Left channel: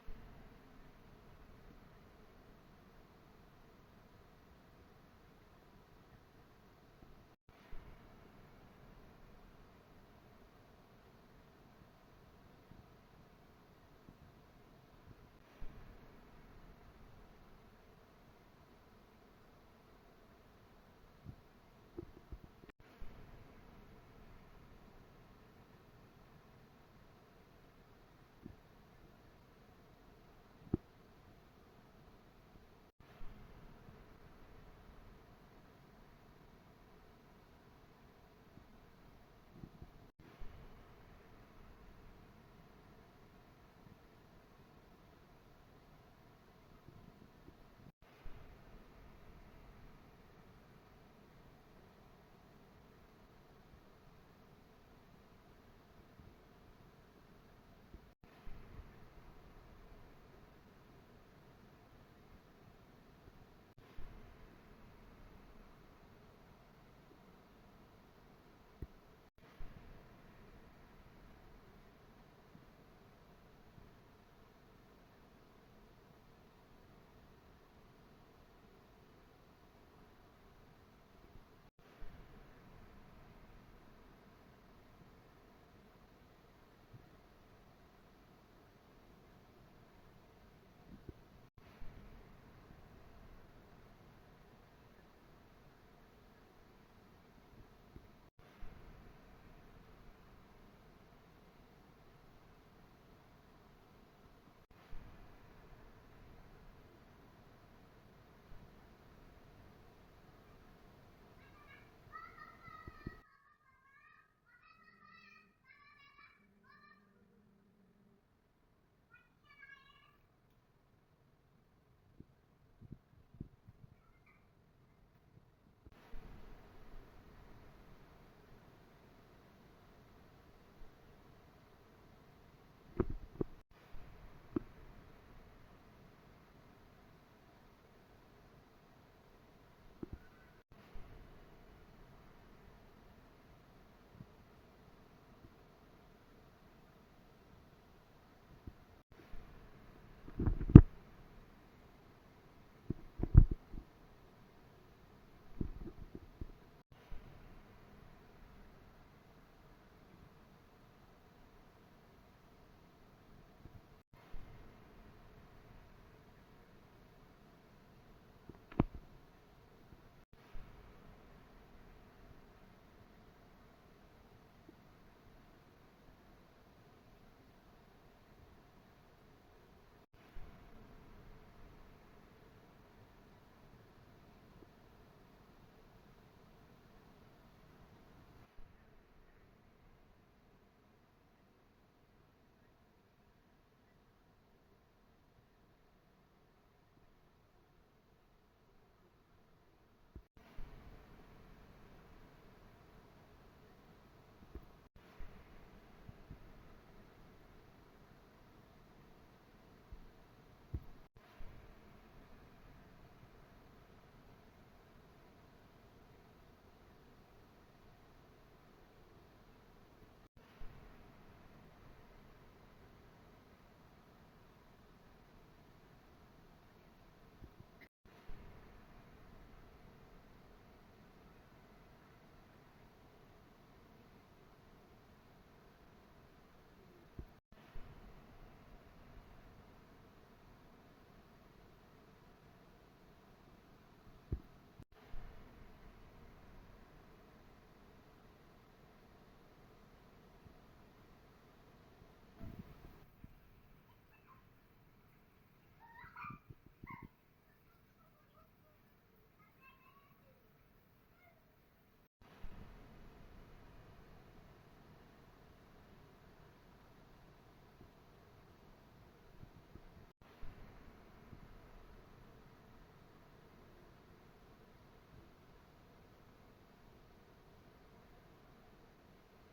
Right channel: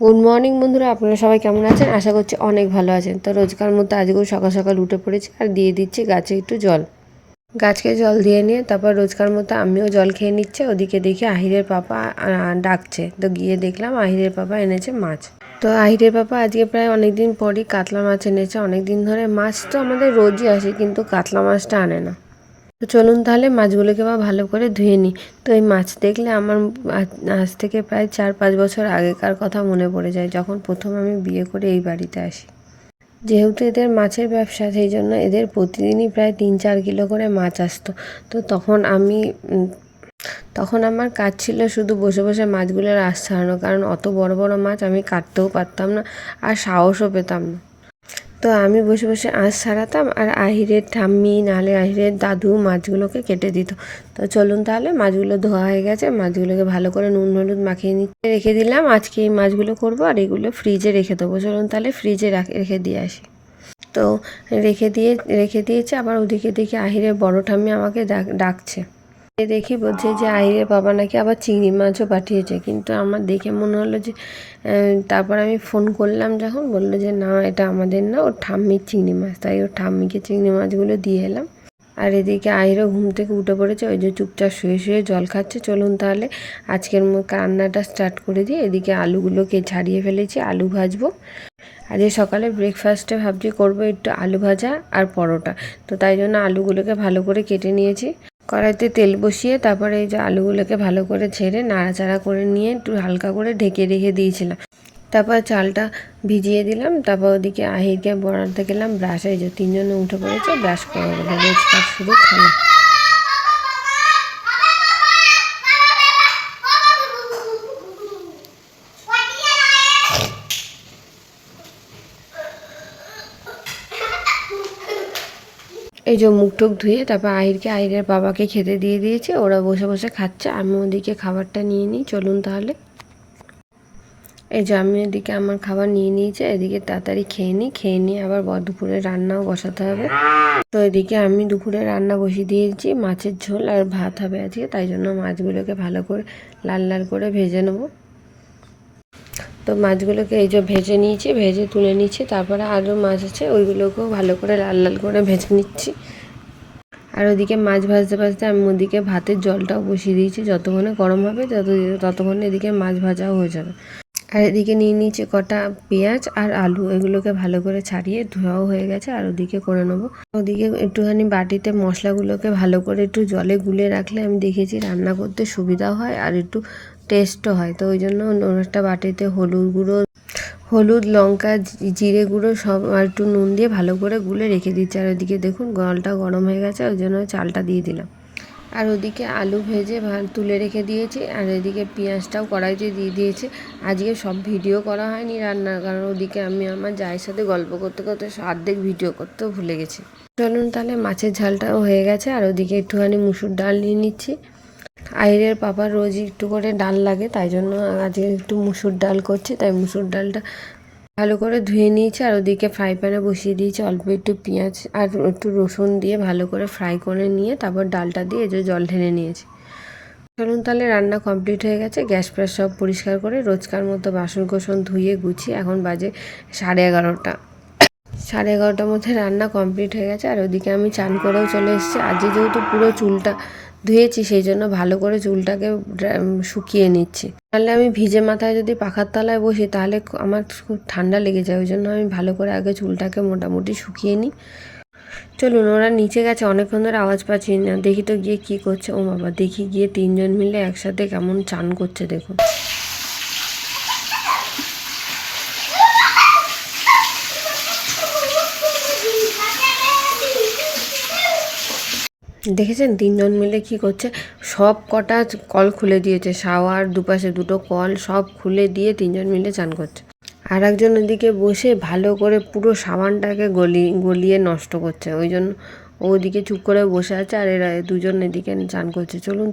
Good morning বন্ধুরা, আপনারা সবাই কেমন আছেন? আশা করছি অনেক ভালো আছেন। তো রোজকার মতো আজকেও সকাল সকাল উঠে পড়েছি আর দিয়ে দিচ্ছি গাছে একটু জল। গাছকে জল দিয়ে নিয়ে তারপর রোজকার মতো আমিও জল খেয়ে নিচ্ছে। ওদিকে দেখি আহিরের পাপা ডাকছে, তো গিয়ে দেখলাম আহিরের পাপা এনেছে মাছ। তো আহিরের পাপা আজকে প্রায় অনেক দিন পরই কাতলা মাছ এনেছে। অনেক দিন ধরে মাছ তো আমাদের রোজই আসে, কিন্তু কাতলা মাছটা আনে না। তো চলুন তাহলে মাছগুলোকে ভালো করে ধুয়ে নিই। তো এই মাছ দেখলে আমার আজ থেকে প্রায় 4-5 বছর আগেকার কথা মনে পড়ে যায়, যখন প্রথম আমি বিয়ে করে এই বাড়িতে আসি। যেহেতু এদের মাছের ব্যবসা, সেই জন্য এদের প্রতিদিনই প্রায় 3-4 কিলো করে মাছ আসতো। তো তখন আমার কাজ ছিল শুধু বসে বসে মাছগুলোর আঁশ ছাড়ানো, কারণ অত বড় বড় মাছ আমি কাটতেও পারতাম না আর সাহসও পেতাম না। তো আমি বসে বসে আঁশ ছাড়াতাম আর আহিরের ঠাম্মি নাহলে আহিরের দাদু মাছগুলোকে কেটে দিত। তো চলুন তাহলে, মাছগুলো ধোয়া হয়ে গেছে, মাছগুলোকে ভালো করে নুন হলুদ মাখিয়ে নিতে রেখে দিলাম। আজকে এই মাছগুলো করবো আর এগুলো ফ্রিজে রেখে দেবো। চলুন তাহলে ফ্রিজে রেখে দিয়ে আসি। তো রেখে দিয়েছে। আবার ওদিকে দেখি আহিরের বড় ঠাম্মি আমাকে ডাকছে। দেখি বলছে যে আহিরের বাবা নাকি আবার চিংড়ি মাছও পাঠিয়েছে, কিন্তু আমার দেখে মনে হলো যে তারপর আমি ফোন করলাম, যখন বললো যে না, এটা আমাদের না, ওর ঠাম্মির চিংড়ি মাছ। তাই ওর ঠাম্মিকে চিংড়ি মাছগুলো দিয়ে এলাম। আর এদিকে আহিরও ঘুম থেকে উঠে পড়েছে, ওই যে চুপচাপ শুয়ে শুয়ে জল খাচ্ছে। চলুন তাহলে আজকের রান্নাটা স্টার্ট করে দিই। এদিকে আলুগুলোকে ছাড়িয়ে ফেলেছি, আলু ভাজবো। আজকে সকালে ব্রেকফাস্টে ভাবছি করবো একটু আলু ভাজা আর পরোটা। তো তাই জন্য আলুগুলোকে ভালো করে কেটে নিয়েছি। কড়াইতে তেল বসিয়ে তারপরে এই যে আলুগুলোকে ভালো করে ছেড়ে নাড়াচাড়া করে নিয়ে একটু হালকা করে ঢেকে রেখে দিয়েছিলাম। তারপর চালটা ভিজিয়ে দিলাম। তারপর ওদিকে আহিরকে বড়াতে গেলাম ব্রাশে। এই যে তিনজনে উঠে পড়েছে, ব্রাশ করা বলে রোজকার শুধু খেলা। এই যে মুখ টুক ধুয়ে তারপর আহিরের বাবাকে খেতে দিয়ে দিয়েছে। ওরা বসে বসে খাচ্ছে, আমি ওদিকে খাবারটা নিয়ে নিই। চলুন তাহলে, এই যে আমি এদিকে আমার খাবার নিয়ে নিয়েছি। এদিকে তাড়াতাড়ি খেয়ে নিয়ে আবার দুপুরে রান্নাও বসাতে হবে। তো এদিকে আমি দুপুরে রান্না বসিয়ে দিয়েছি, মাছের ঝোল আর ভাত হবে আজকে। তাই জন্য মাছগুলোকে ভালো করে লাল লাল করে ভেজে নেবো। তো মাছগুলোকে এই যে ভেজে নিয়েছি, ভেজে তুলে নিচ্ছি। তারপরে আরও মাছ আছে, ওইগুলোকেও ভালো করে লাল লাল করে ভেজে নিচ্ছি। আর ওদিকে মাছ ভাজতে ভাজতে আমি ওদিকে ভাতের জলটাও বসিয়ে দিয়েছি। যতক্ষণে গরম হবে ততক্ষণে এদিকে মাছ ভাজাও হয়ে যাবে। আর এদিকে নিয়ে নিয়েছি কটা পেঁয়াজ আর আলু, এগুলোকে ভালো করে ছাড়িয়ে ধোয়াও হয়ে গেছে। আর ওদিকে করে নেবো। ওদিকে একটুখানি বাটিতে মশলাগুলোকে ভালো করে একটু জলে গুলে রাখলে আমি দেখেছি রান্না করতে সুবিধাও হয় আর একটু টেস্টও হয়। তো ওই জন্য একটা বাটিতে হলুদ লঙ্কা জিরে গুঁড়ো সব আর একটু নুন দিয়ে ভালো করে গুলে রেখে দিচ্ছি। আর ওদিকে দেখুন জলটা গরম হয়ে গেছে, ওই জন্য চালটা দিয়ে দিলাম। আর ওদিকে আলু ভেজে তুলে রেখে দিয়েছি। আর এদিকে পেঁয়াজটাও কড়াইতে দিয়ে দিয়েছি। আজকে সব ভিডিও করা হয়নি রান্নার, কারণ ওদিকে আমি আমার জায়ের সাথে গল্প করতে করতে অর্ধেক ভিডিও করতেও ভুলে গেছি। চলুন তাহলে, মাছের ঝালটাও হয়ে গেছে। আর ওদিকে একটুখানি মুসুর ডাল নিয়ে নিচ্ছি। আহিরের পাপার রোজই একটু করে ডাল লাগে, তাই জন্য আজকে একটু মুসুর ডাল করছি। তাই মুসুর ডালটা ভালো করে ধুয়ে নিয়েছি। আর ওদিকে ফ্রাই প্যানে বসিয়ে দিয়েছি, অল্প একটু পেঁয়াজ আর একটু রসুন দিয়ে ভালো করে ফ্রাই করে নিয়ে তারপর ডালটা দিয়ে যে জল ঢেলে নিয়েছি। চলুন তাহলে, রান্না কমপ্লিট হয়ে গেছে। গ্যাস ফ্যাস সব পরিষ্কার করে রোজকার মতো বাসন কোসন ধুয়ে গুছিয়ে এখন বাজে 11:30। 11:30টার মধ্যে রান্না কমপ্লিট হয়ে গেছে। আর ওদিকে আমি চান করেও চলে এসেছি। আজকে যেহেতু পুরো চুলটা ধুয়েছি, সেই জন্য ভালো করে চুলটাকে শুকিয়ে নিচ্ছি। তাহলে আমি ভিজে মাথায় যদি পাখার তলায় বসি তাহলে আমার খুব ঠান্ডা লেগে যায়। ওই জন্য আমি ভালো করে আগে চুলটাকে মোটামুটি শুকিয়ে নিই। চলুন, ওরা নিচে গেছে, অনেকক্ষণ ধরে আওয়াজ পাচ্ছি না। দেখি তো গিয়ে কী করছে। ও বাবা, দেখি গিয়ে তিনজন মিলে একসাথে কেমন চান করছে দেখুন। দেখেছেন তিনজন মিলে কি করছে? সব কটা কল খুলে দিয়েছে, শাওয়ার দুপাশে দুটো কল সব খুলে দিয়ে তিনজন মিলে চান করছে। আর একজন ওদিকে বসে ভালো করে পুরো সাবানটাকে গলিয়ে নষ্ট করছে। ওই জন্য ওদিকে চুপ করে বসে আছে আর এরা দুজন এদিকে চান করছে। চলুন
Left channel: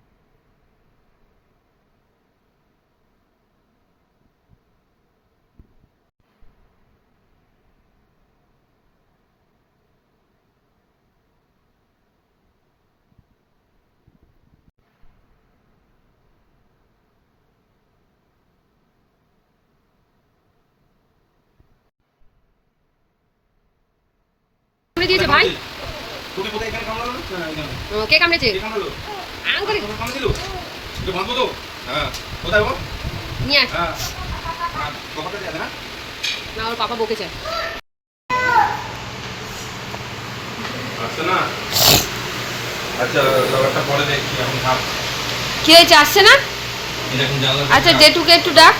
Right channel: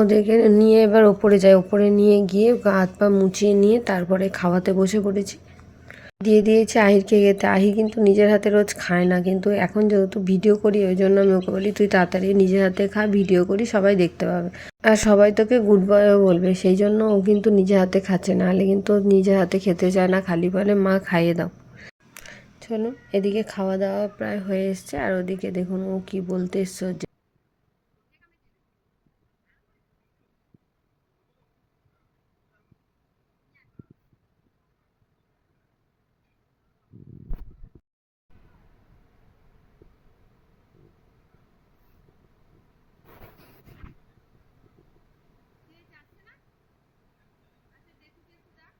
ওদেরকে নিয়ে এবার ওপরে যাই। ওপরে নিয়ে গিয়ে গা হাত পা মুছিয়ে নিয়ে তারপরে খাওয়াতে বসে পড়েছি। দিয়ে দিয়েছি আহিরকে খেতে। আহির কিন্তু নিজের হাতে রোজ খায় না, কিন্তু এখন যেহেতু ভিডিও করি ওই জন্য আমি ওকে বলি তুই তাড়াতাড়ি নিজের হাতে খা, ভিডিও করি সবাই দেখতে পাবে আর সবাই তোকে গুড বয়ও বলবে, সেই জন্য ও কিন্তু নিজের হাতে খাচ্ছে, নাহলে কিন্তু ও নিজের হাতে খেতে চায় না, খালি বলে মা খাইয়ে দাও। চলো এদিকে খাওয়া দাওয়া প্রায় হয়ে এসছে, দেখুন ও কি বলতে এসছে। কে কামড়েছে? নিয়ে আস। না ওর পাপা বকেছে। কি হয়েছে, আসছে না? আচ্ছা জেঠুকে একটু ডাক,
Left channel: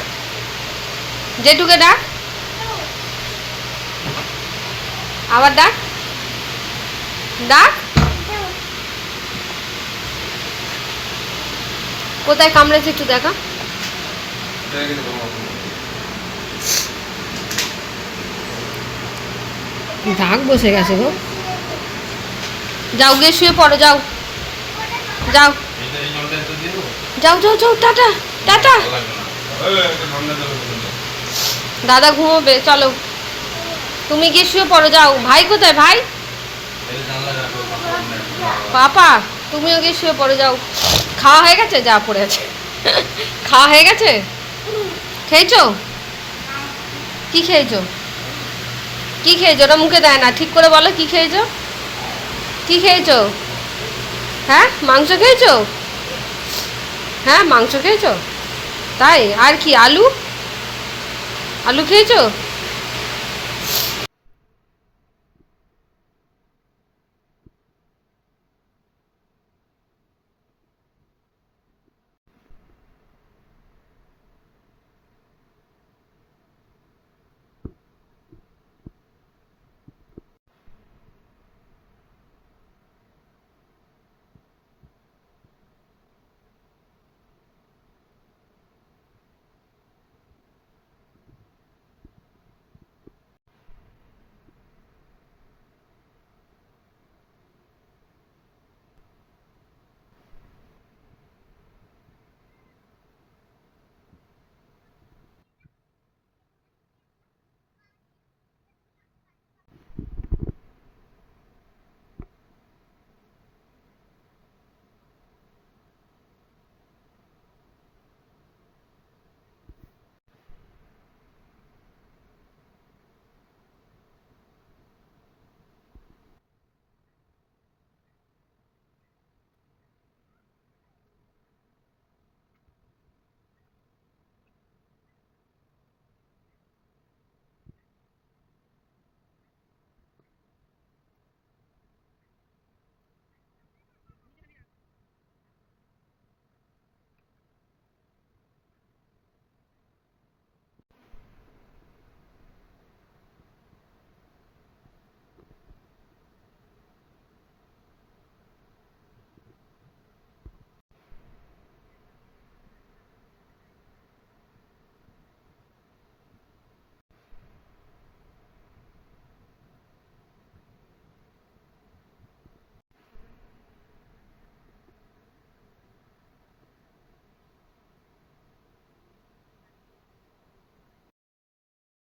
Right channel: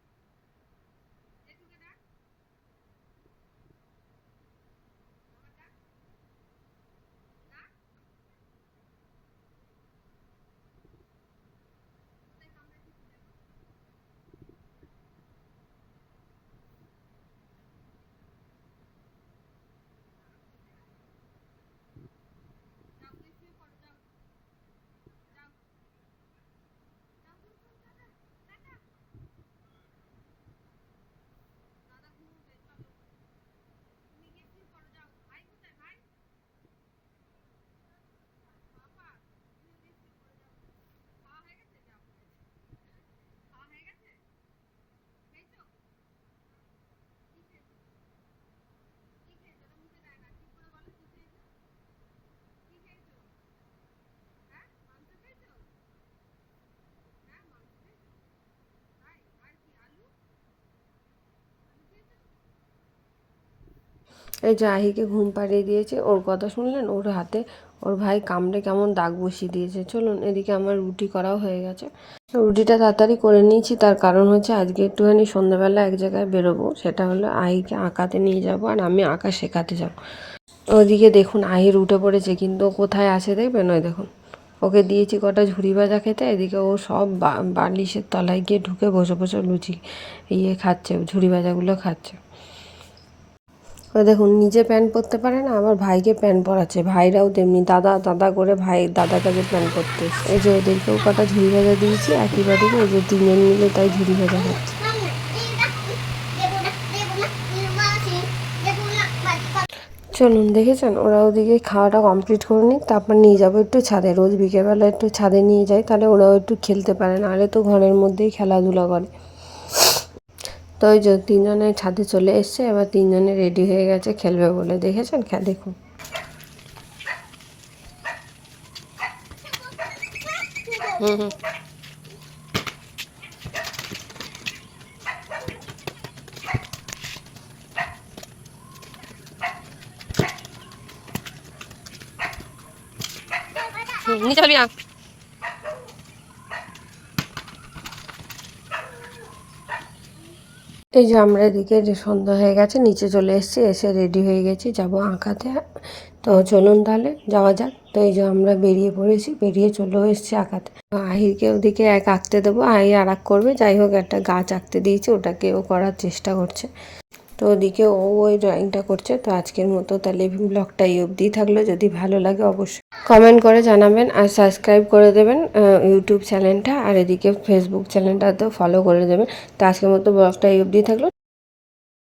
জেঠুকে ডাক, আবার ডাক, ডাক। কোথায় কামড়েছে একটু দেখা। দাগ বসে গেছে গো। যাও গিয়ে শুয়ে পড়ো, যাও যাও যাও যাও যাও, টাটা টাটা। দাদা ঘুমোবে, চলো তুমি গিয়ে শুয়ে পড়ো, যাও। ভাই কোথায়? ভাই পাপা তুমিও গিয়ে শুয়ে পড়ো, যাও। খাওয়া হয়ে গেছে? যা পড়ে আছে। খাওয়া হয়ে গেছে? খেয়েছো? কি খেয়েছো? কি খেয়েছো? ওটা মুখে দেয় না, ঠিক করে বলো কি খেয়েছো? কি খেয়েছো? হ্যাঁ মাংস খেয়েছো? হ্যাঁ মাংস খেয়েছো, তাই? আর কি? আলু, আলু খেয়েছো? এই যে আহিকে ঘুম পাড়িয়ে দিয়েছে, ওর কথা শুনলেন? ওর হাতে ওর ভাই কামড়ে কেমন দাগ বসিয়ে দিয়েছে। চলুন এদিকে আমার রুটি করাও হয়ে গেছে, রুটিটা তাড়াতাড়ি করে নিয়েছি, তার কারণ হচ্ছে আজকে একটুখানি সন্ধ্যাবেলা এক জায়গায় বেরোবো, সেটা হলো আহিকে আঁকাতে নিয়ে যাব আর আমি আঁকা শেখাতে যাব। ওদিকে দেখুন আহির উঠে পড়েছে, কিন্তু কোথায় আছে দেখবেন, ওই দেখুন ওকে দিয়েছি কটা ঝুড়ি ভাজা খেতে, এদিকে ও সব বালিশের তলায় গিয়ে ঢুকে বসে বসে লুচি খাচ্ছে, ঝুড়ি ভাজাগুলো খাচ্ছে। ও দেখুন নিজে প্যান্ট পরতে পারে না, আমার ভাইকে প্যান্ট পরাচ্ছে, ভাইরাও তেমনি দাদা দাদা করে ভাই দাদার কাছে প্যান্ট পরতে। এই যে ওদেরকেও কটা ঝুড়ি ভাজা দিয়েছি একই বাড়িতে, এই যে তিনজন মিলে তাই ঝুড়ি ভাজা খাচ্ছে। চলুন দেখেছেন, ওরা ওদিকে খাওয়াটা কমপ্লিট করে নিক, তারপর নিয়ে যাবো একটু ছাদে। রোজ বিকেলবেলা একটু ছাদে নিয়ে যাই, তাহলে ওরাও একটু খেলতে পারে, নাহলে তো ঘরের মধ্যেই খেলাধুলা করে। তো ওই যে তিনজনে ছাদে চলে এসছে, এবার তিনজনে রেডি হয়ে গেছে খেলবে বলে, দেখেছেন? দেখুন হুম হুম নিচে ফেলবি না। এই যে আমরা এদিকে যে সন্ধ্যা হয়ে গেছে নিচে চলে এসেছি, এসে রেডি হয়ে গেছি যাব আঁকাতে। তো চলুন তাহলে যাওয়া যাক। তো এই যে আমরা বেরিয়ে পড়েছি, বেরিয়ে চলেও এসেছি আঁকাতে। আহিরকে ওদিকে এক আঁকতে দেবো, আহির আর এক করবে। যাই হোক একটা গাছ আঁকতে দিয়েছি, ওটাকে ও করার চেষ্টা করছে। তো ওদিকে ও ওই ড্রয়িংটা করছে। তো আজকের মতো তাহলে ব্লগটা এই অবধিই থাকলো, যদি ভালো লাগে অবশ্যই কমেন্ট করে জানাবেন আর সাবস্ক্রাইব করে দেবেন ইউটিউব চ্যানেলটা, আর এদিকে ফেসবুক চ্যানেলটাতেও ফলো করে দেবেন। তো আজকের মতো ব্লগটা এই অবধিই থাকলো।